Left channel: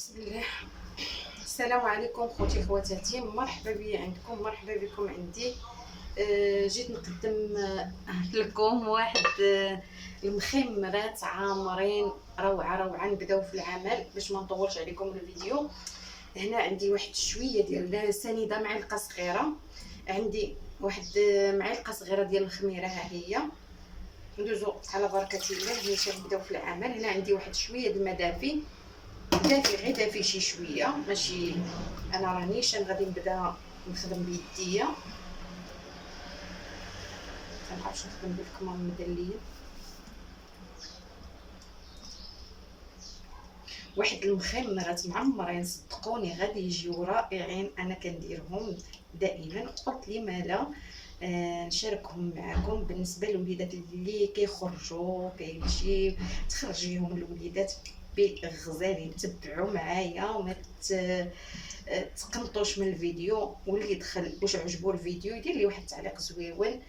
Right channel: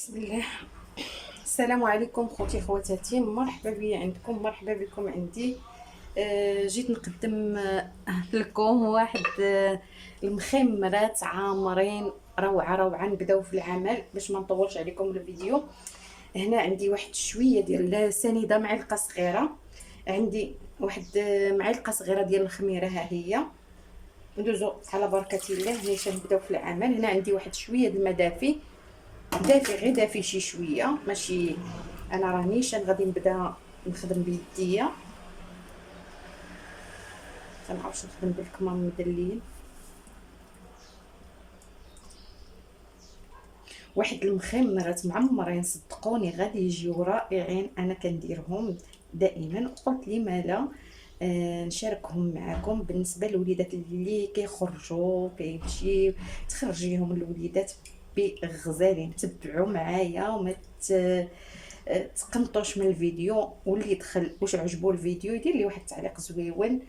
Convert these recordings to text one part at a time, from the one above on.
بسم الله. السلام عليكم خوتي خواتاتي، مرحبا بي عندكم، مرحبا بكم عندي. جيت نقدم لكم واحد المخمرات عامرين روعه روعه. نبداو في العمل باش ما نطولش عليكم الفيديو. هنا عندي واحد شويه ديال سنيده، معلقه صغيره. عندي واحد معلقه صغيره ديال الخميره، ها هي. ندوزو على بركه الله باش نبداو في العمل. هنا عندي واحد شويه د الماء دافي، دافي غير دافي شي شويه، ماشي انا رانيش غادي نبدا نخدم بيديا. تنعرفش نخدم بالكمام مدلين. واحد المخمرات معمرين صدقوني غادي يجيو رائعين. انا كنديرهم دائما، قلت لي مالا نشاركهم معكم. بالنسبه للوليدات اللي كيخرجوا كيمشي تخرجيهم الوليدات بغزالين، تبعوا معايا وما تقنطوش من الفيديو. واللي دخل واش عجبو الفيديو يدير لي واحد التعليق زويون.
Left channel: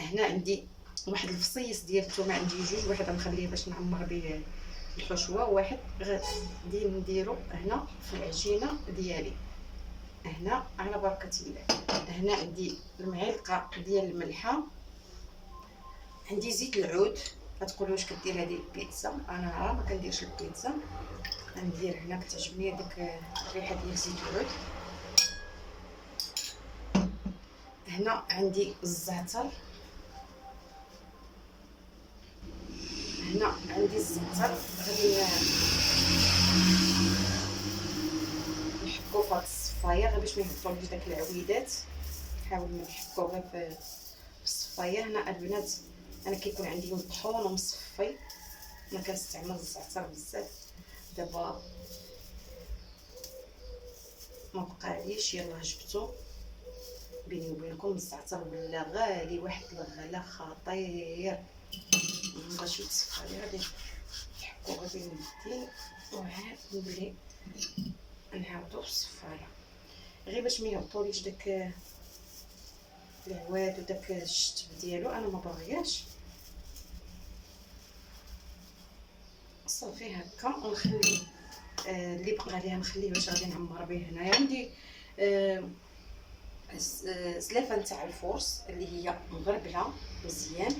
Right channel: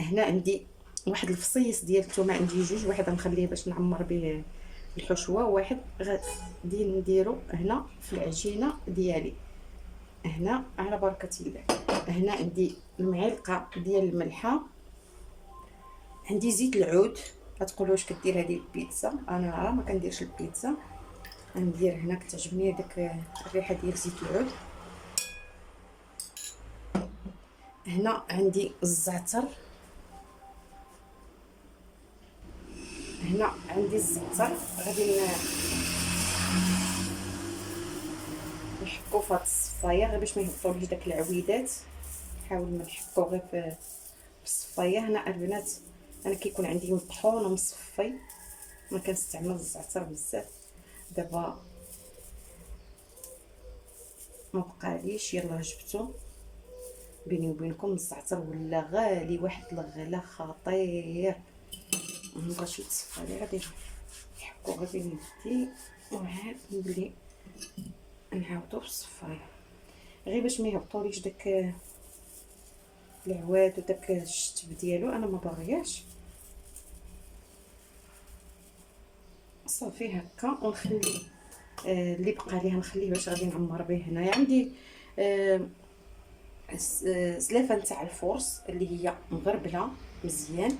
هنا عندي واحد الفصيص ديال الثومه، عندي جوج، واحد غنخليه باش نعمر به الحشوه، واحد غادي نديرو هنا في العجينه ديالي هنا على بركه الله. هنا عندي المعلقه ديال الملحه، عندي زيت العود. غتقولوا واش كدير هذه البيتزا؟ انا راه ما كنديرش البيتزا، غندير هنا كتعجبني داك الريحه ديال زيت العود. هنا عندي الزعتر، هنا عندي الزعتر. غادي نحكو في هاد الصفايه غير باش ما يهبطوليش داك العويدات. نحاول ما نحكو غير في الصفايه. هنا البنات انا كيكون عندي مطحون ومصفي، ما كنستعمل الزعتر بزاف. دابا ما بقاليش، يلاه جبتو. بيني وبينكم الزعتر ولا غالي واحد الغلا خطير، مابغاش يتصفى لي. غادي نحكو غير بين يدي وعاد نولي نعاودو في الصفايه غير باش ما يهبطوليش داك العواد وداك الشتب ديالو. انا ما باغياش. صافي هكا ونخلي اللي بقى ليها نخليه باش غادي نعمر به. هنايا عندي زلافه نتاع الفرص اللي هي مغربله مزيان،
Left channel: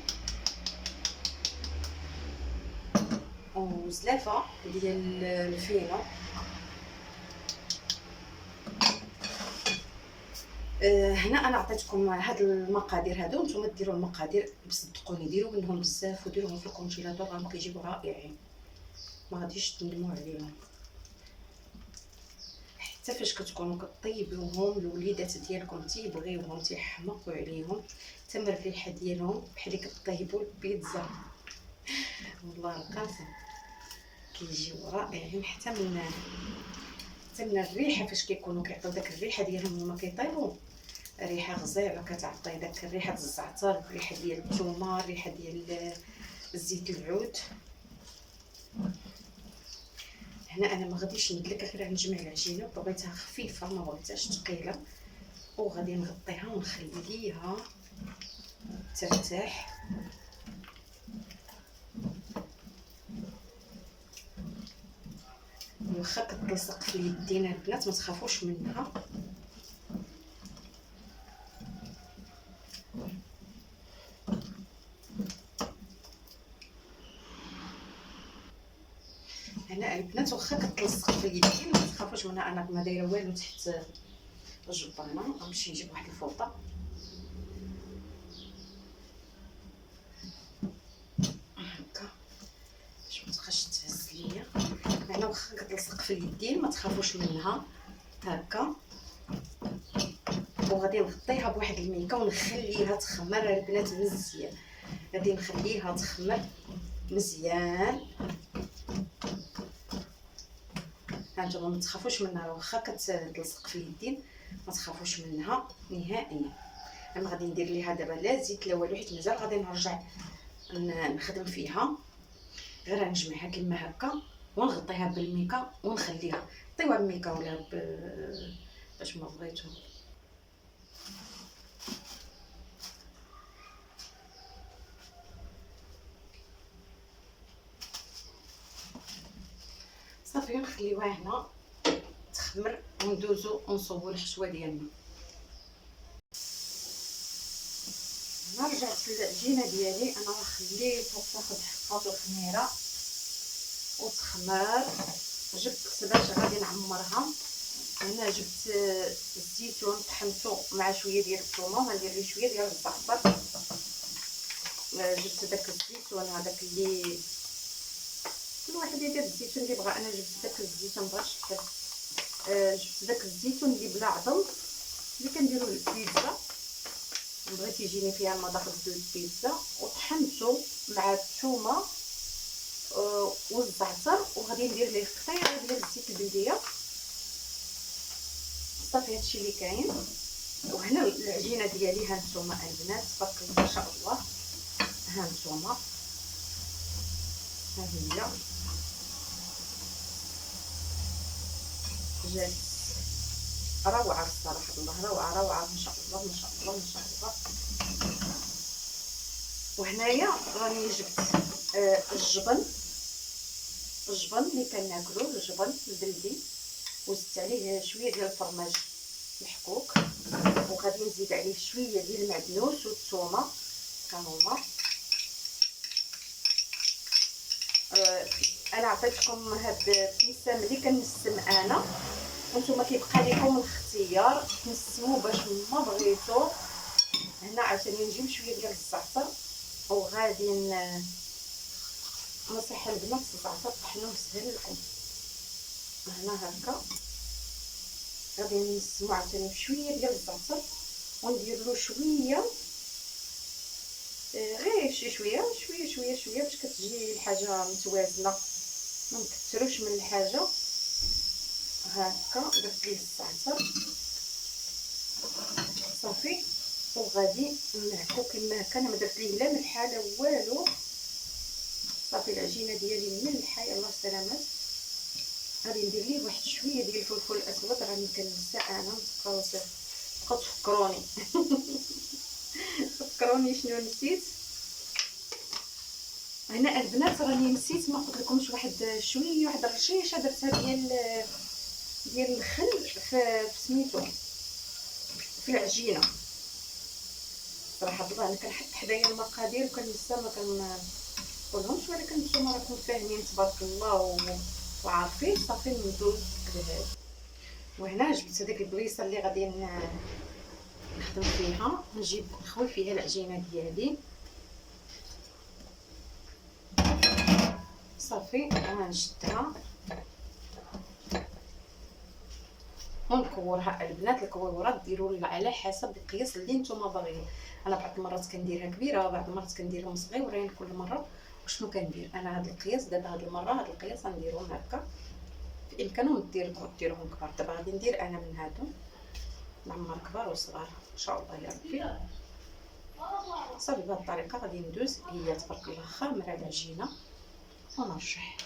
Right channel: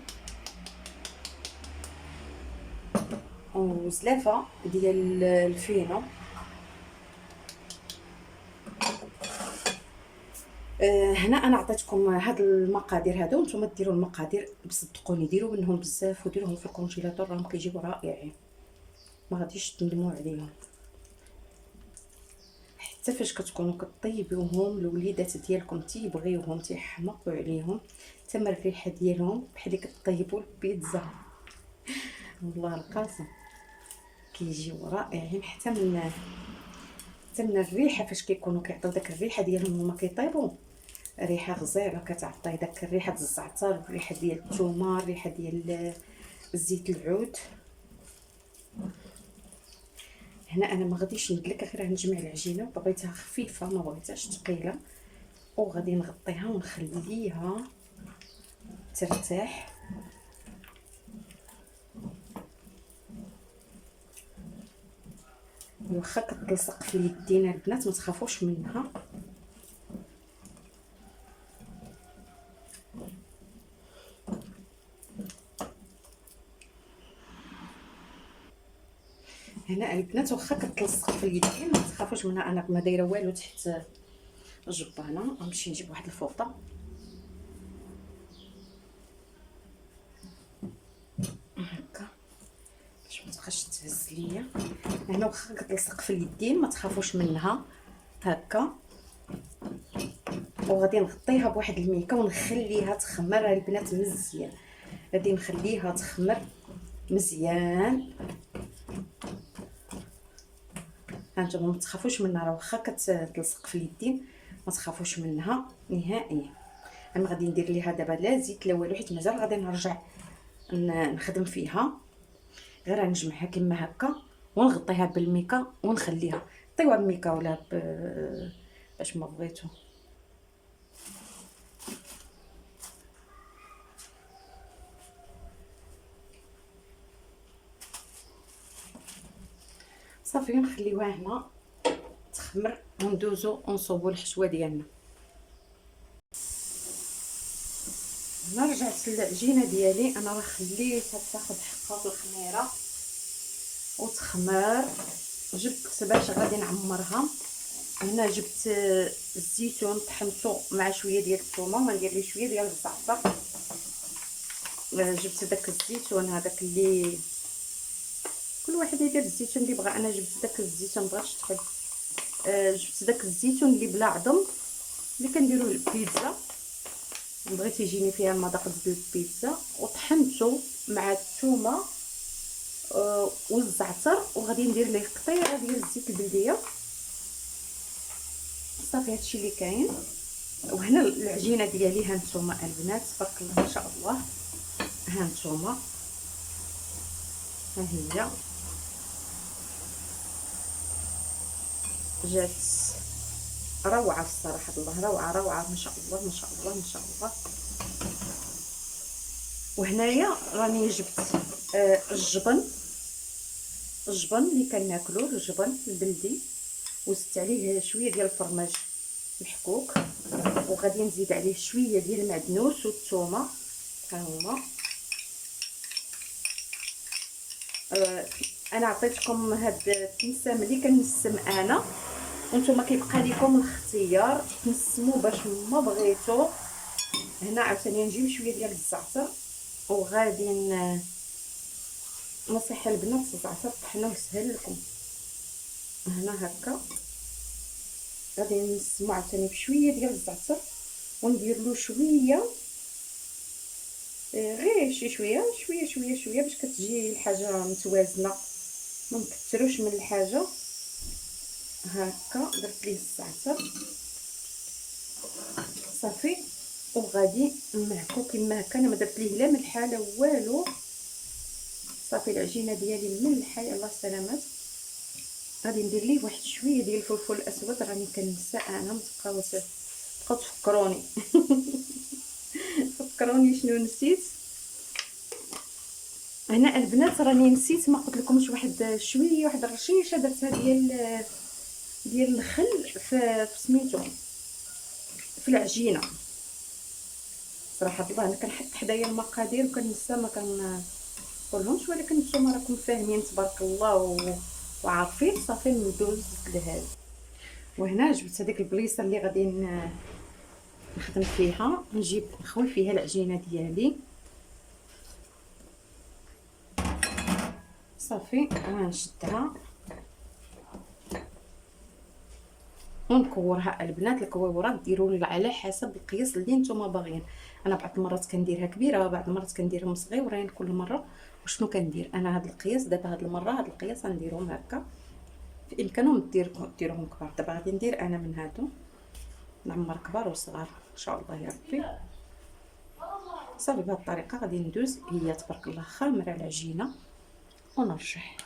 وزلافه ديال الفينو. هنا انا عطيتكم هاد المقادير هادو، نتوما ديروا المقادير بصدقوني، ديروا منهم بزاف وديروهم في الكونجيلاتور، راهم كيجيبوا رائعين، ما غاديش تندموا عليهم. حتى فاش كتكونوا كطيبوهم الوليدات ديالكم تيبغيوهم تيحمقوا عليهم، تما الريحه ديالهم بحال اللي كطيبوا البيتزا. والله القاسم كيجيو رائعين. حتى من الريحه فاش كيكونوا كيعطيو داك الريحه ديالهم هما كيطيبوا، ريحه غزاله كتعطي داك الريحه الزعتر، الريحه ديال الثومه، الريحه ديال زيت العود. هنا انا ما غاديش ندلك، غير غنجمع العجينه، بغيتها خفيفه ما بغيتهاش ثقيله، وغادي نغطيها ونخليها ترتاح. واخا كتلصق في اليدين البنات ما تخافوش منها. هنا البنات واخا كتلصق في اليدين ما تخافوش منها، انا ما دايره والو تحت الجبانه. غنمشي نجيب واحد الفوطه هكا باش ما تبقاش تهز ليا. هنا واخا كتلصق في اليدين ما تخافوش منها هكا، وغادي نغطيها بواحد الميكه ونخليها تخمر البنات مزيان. غادي نخليها تخمر مزيان. هانتوما ما تخافوش منها، واخا كتلصق في اليدين ما تخافوش منها نهائيا. انا غادي ندير ليها دابا لا زيت لا والو، حيت مازال غادي نرجع نخدم فيها. غير نجمعها كما هكا ونغطيها بالميكا ونخليها. طيوها بميكا ولا باش ما بغيتو. صافي نخليوها هنا تخمر وندوزو ونصوبو الحشوه ديالنا. هنا رجعت العجينه ديالي، انا راه خليتها تاخد حقها في الخميره وتخمر. جبت باش غادي نعمرها، هنا جبت الزيتون طحنته مع شويه ديال الثومه وغندير ليه شويه ديال الزعتر. جبت داك الزيتون هذاك اللي كل واحد يدير الزيتون اللي بغا، انا جبت داك الزيتون بغاش تحب. جبت داك الزيتون اللي بلا عظم اللي كنديروا للبيتزا، بغيت يجيني فيها المذاق ديال البيتزا، وطحنته مع الثومه والزعتر، وغادي ندير ليه قطيره ديال الزيت البلديه. صافي هادشي اللي كاين. وهنا العجينه ديالي ها نتوما البنات تبارك الله ما شاء الله، ها نتوما ها هي جات روعه الصراحه، الله روعه روعه ما شاء الله ما شاء الله ما شاء الله. وهنايا راني جبت الجبن اللي كناكلوه، الجبن البلدي، وزدت عليه شويه ديال الفرماج محكوك، وغادي نزيد عليه شويه ديال المعدنوس والثومه. ها هما انا عطيتكم هاد التنسام اللي كنسم انا، وانتم كيبقى لكم الاختيار تنسموا باش ما بغيتو. هنا عاوتاني نجيب شويه ديال الزعتر وغادي نصيح البنات الزعتر طحنوه سهل لكم. هنا هكا غادي نسمو عاوتاني بشويه ديال الزعتر وندير له شويه غير شي شويه شويه شويه شويه باش كتجي الحاجه متوازنه، ما نكثروش من الحاجه. هكا درت ليه الزعتر صافي، وغادي نمعكو كما هكا. انا ما درت ليه لا ملحه لا والو، صافي العجينه ديالي ملحه يلاه سلامات. غادي ندير ليه واحد شويه ديال الفلفل الاسود، راني كنسى انا، متبقاو تفكروني فكروني شنو نسيت. هنا البنات راني نسيت ما قلت لكمش واحد شويه، واحد الرشيشه درتها ديال الخل في سميتو في العجينه. صراحه الله انا كنحط حدايا المقادير وكنسى ما كنقولهمش، ولكن نتوما راكم فاهمين تبارك الله وعارفين. صافي ندوز لهذا. وهنا جبت هذيك البليصه اللي غادي نخدم فيها، نجيب نخوي فيها العجينه ديالي صافي. غنشدها ونكورها. البنات الكويورات ديروا على حسب القياس اللي نتوما باغيين. انا بعض المرات كنديرها كبيره، بعض المرات كنديرهم صغيورين. كل مره وشنو كندير انا، هذا القياس دابا، هذه المره هذا القياس غنديرهم هكا. في امكانهم ديروهم كبار. دابا غادي ندير انا من هادو نعمر كبار وصغار ان شاء الله يا ربي. صافي بهذه الطريقه غادي ندوز. هي تبارك الله خامره العجينه ونرشح.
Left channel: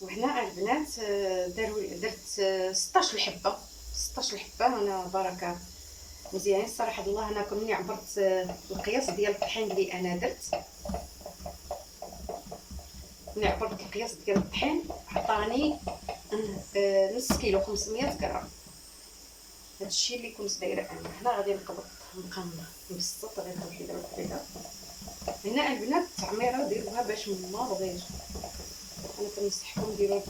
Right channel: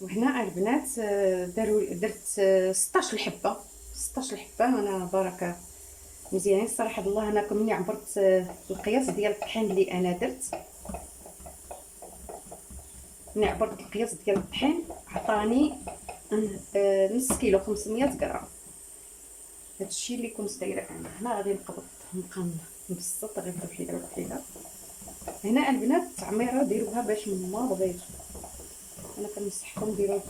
وهنا البنات درت 16 حبه 16 حبه. انا بركه مزيانين الصراحه الله. انا ملي عبرت القياس ديال الطحين اللي انا درت، ملي عبرت القياس ديال الطحين عطاني نص كيلو 500 غرام. هادشي اللي كنت دايره انا. هنا غادي نبقى نبسط غير وحده وحده. هنا البنات التعميره ديروها باش ما بغيتو، انا كنصحكم ديروا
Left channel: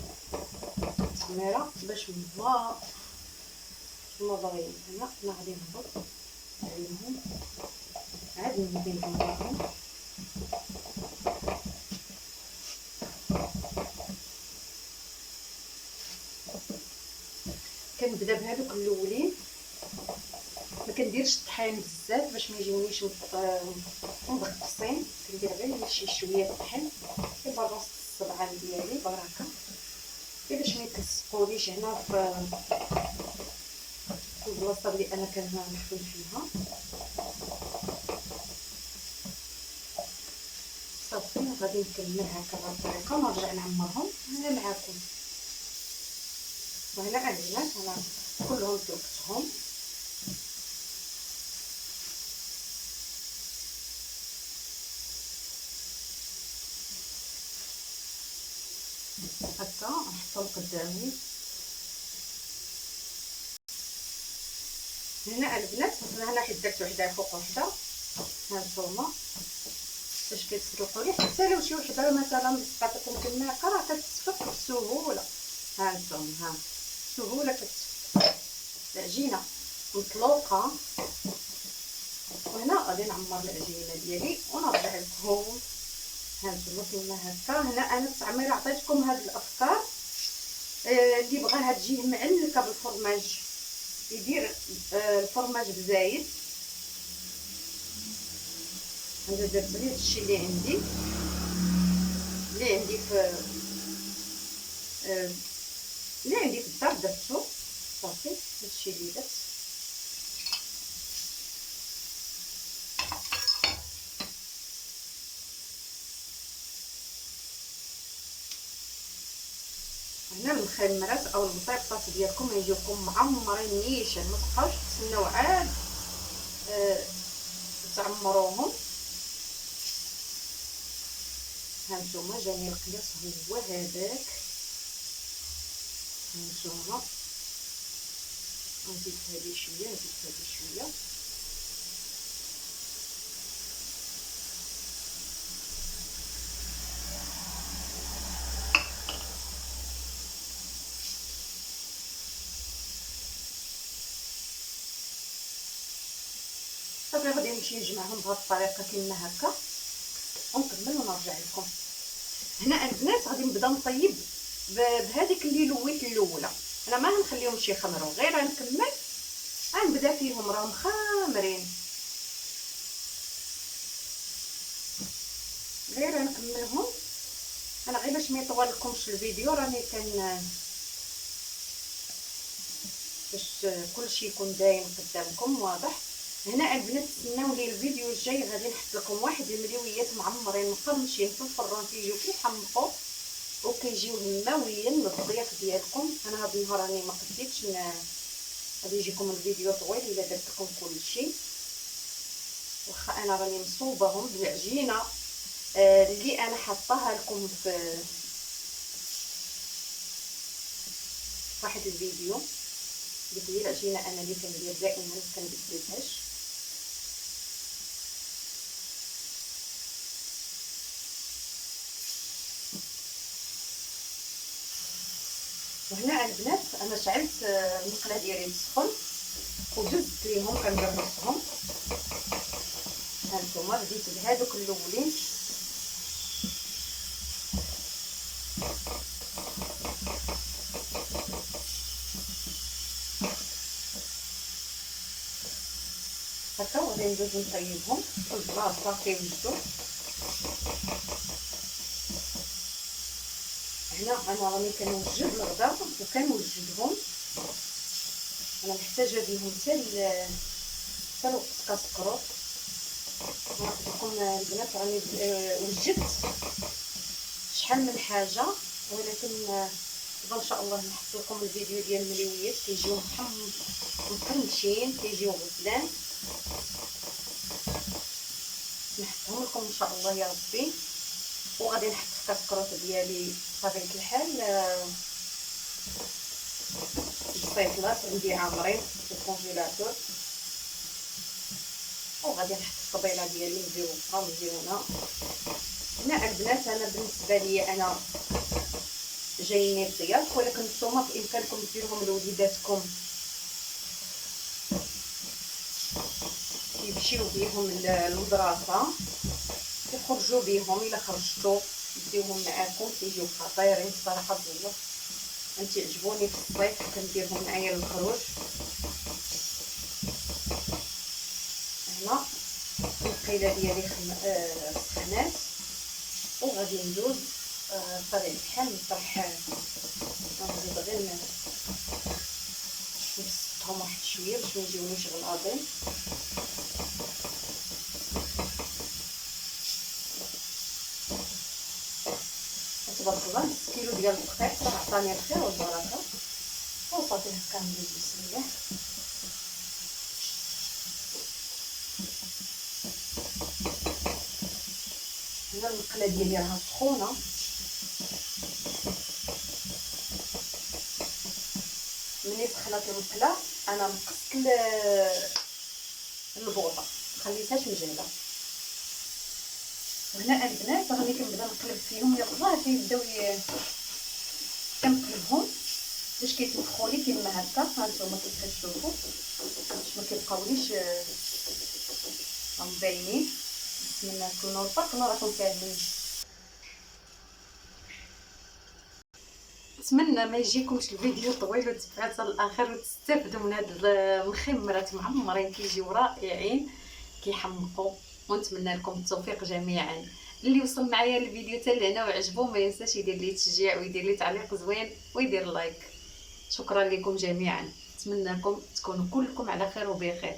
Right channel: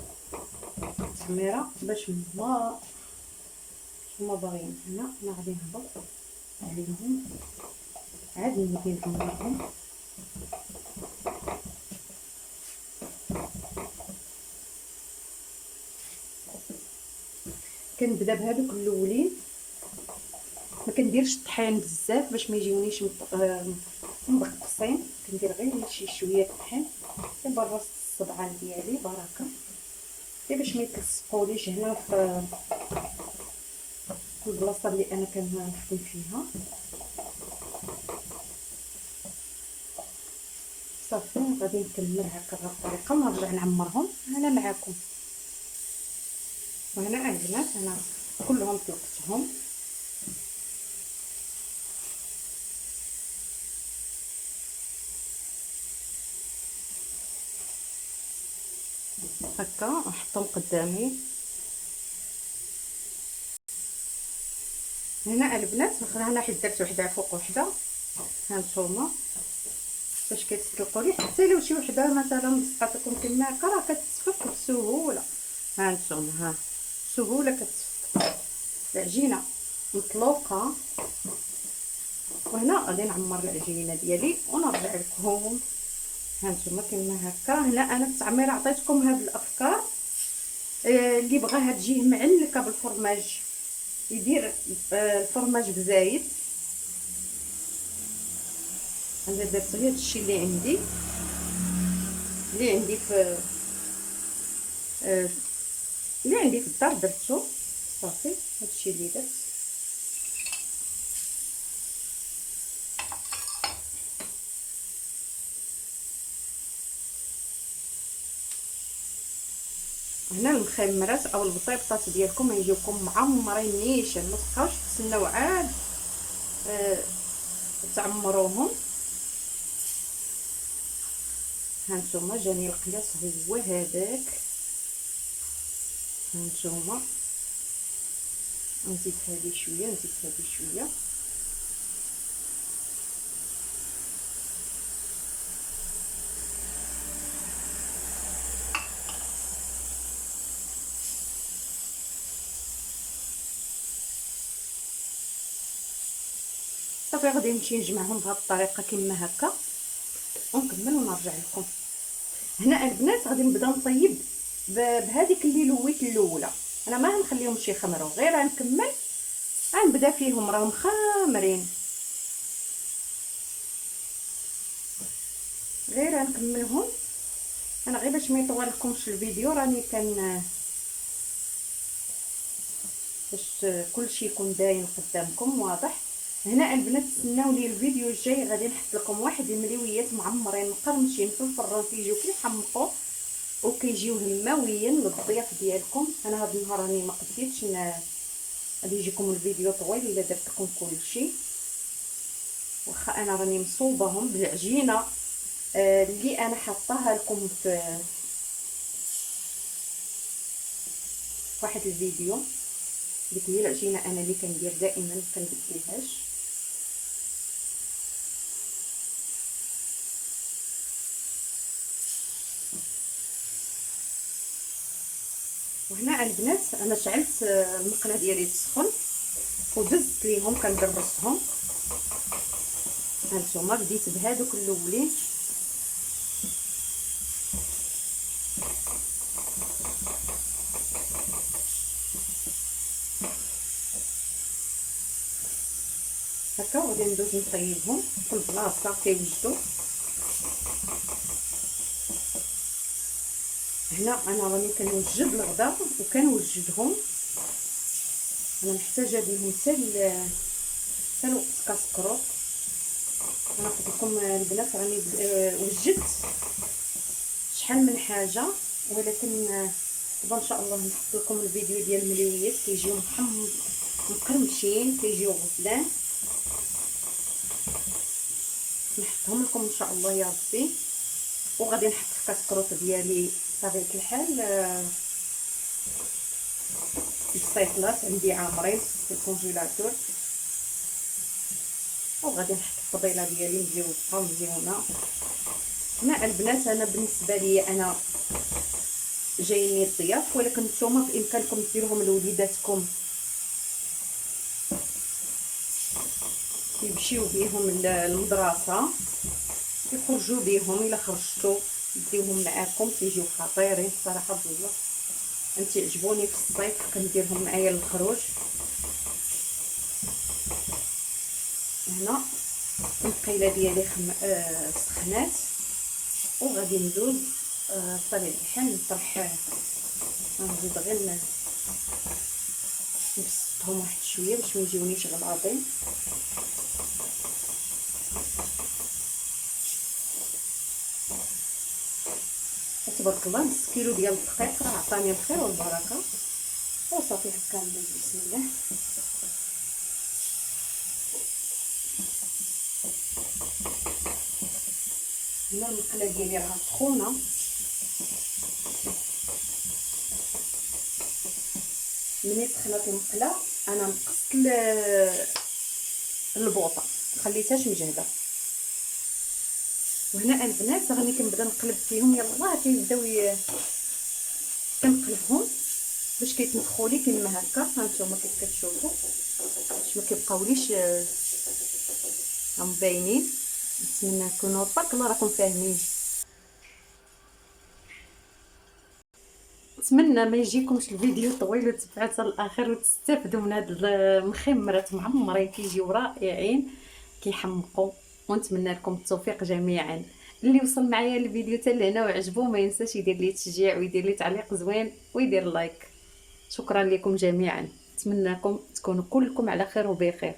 التعميره باش ما باغيين. هنا انا غادي نهبط عليهم عاد ندير لهم. كنبدا بهذوك الاولين، ما كنديرش الطحين بزاف باش ما يجيونيش مبقصين. كندير غير شي شويه الطحين كنبر وسط الصبعان ديالي بركه، غير باش ما يتلصقوليش هنا في البلاصه اللي انا كنحوي فيها. صافي غادي نكمل هكا الطريقه ونرجع نعمرهم انا معكم. وهنا البنات انا كلهم طلقتهم. هكا هكا نحطهم قدامي. هنا البنات هنا حيت درت وحده فوق وحده، هانتوما باش كيتسلقوا لي. حتى لو شي وحده مثلا سقطتكم كما هكا راه كتصفق بسهوله. هانتوما ها بسهوله كتصفق العجينه مطلوقه. وهنا غادي نعمر العجينه ديالي ونرجع لكم. هانتوما كما هكا. هنا انا التعمير عطيتكم هاد الافكار. اللي بغاها تجيه معلكه بالفرماج يدير الفرماج بزايد. انا درت غير هادشي اللي عندي في الدار درتو صافي. هادشي اللي درت. هنا المخمرات او البطيبطات ديالكم يجيوكم معمرين نيشان، ما تبقاوش تسناو عاد تعمروهم. هانتوما جاني القياس هو هذاك. هانتوما نزيد هذه شويه، نزيد هذه شويه. صافي غادي نمشي نجمعهم بهذه الطريقه كما هكا ونكمل ونرجع لكم. هنا البنات غادي نبدا نطيب بهذيك اللي لويت الاولى. انا ما غنخليهمش يخمروا، غير غنكمل غنبدا فيهم راهم خامرين، غير غنكملهم. انا غير باش ما يطول لكمش الفيديو راني باش كلشي يكون باين قدامكم واضح. هنا البنات تسناو لي الفيديو الجاي غادي نحط لكم واحد المليويات معمرين مقرمشين في الفران كيجيو كيحمقوا وكيجيو هماويين للضياف ديالكم. انا هذا النهار راني ما قديتش غادي يجيكم الفيديو طويل الا درت لكم كلشي، واخا انا راني مصوباهم بالعجينه اللي انا حطاها لكم في واحد الفيديو. ديك هي العجينه انا اللي كندير دائما كنبدلهاش. وهنا البنات انا شعلت المقله ديالي تسخن ودزت ليهم كنقرصهم. هانتوما بديت بهذوك الاولين. هكا غادي ندوز نطيبهم في البلاصه كيوجدوا. هنا انا راني كنوجد الغدا وكنوجدهم. انا محتاجه بهم حتى الوقت كاسكروط. انا قلت لكم البنات راني وجدت شحال من حاجه، ولكن دابا ان شاء الله نحط لكم الفيديو ديال المليويات كيجيو مقرمشين كيجيو غزلان. نحطهم لكم ان شاء الله يا ربي. وغادي نحط في كاسكروط ديالي بطبيعه الحال البصيصلات عندي عامرين في الكونجيلاتور. وغادي نحط الطبيله ديالي مزيونه. هنا البنات انا بالنسبه لي انا جايين الضياف، ولكن نتوما بامكانكم ديروهم لوليداتكم يمشيو بيهم للمدرسه، يخرجوا بيهم. الا خرجتوا ديوهم معاكم كيجيو خطيرين الصراحه بالله. انت عجبوني في الصيف كنديرهم معايا للخروج. هنا القيله ديالي سخنات وغادي ندوز بطبيعه الحال نطرح. غنزيد غير نبسطهم واحد شويه باش ما يجيونيش غلاضين. تبارك الله نص كيلو ديال الدقيق راه عطاني الخير والبركه. وصافي هكا ندوز بسم الله. هنا المقله ديالي راها سخونه ملي سخنات المقله انا نقصت البوطه، مخليتهاش مجهده. وهنا البنات راني كنبدا نقلب فيهم، يلاه كيبداو كنقلبهم باش كيتنفخوا لي كيما هكا. ها نتوما كيف كتشوفوا باش ما كيبقاوليش راهم باينين. نتمنى تكونوا بارك الله راكم فاهمين. نتمنى ما يجيكمش الفيديو طويل وتبعوا حتى الاخر وتستافدوا من هاد المخمرات معمرين كيجيو رائعين كيحمقوا. ونتمنى لكم التوفيق جميعا. اللي وصل معايا الفيديو حتى لهنا وعجبو ما ينساش يدير لي تشجيع ويدير لي تعليق زوين ويدير لايك. شكرا لكم جميعا، نتمنىكم تكونوا كلكم على خير وبخير.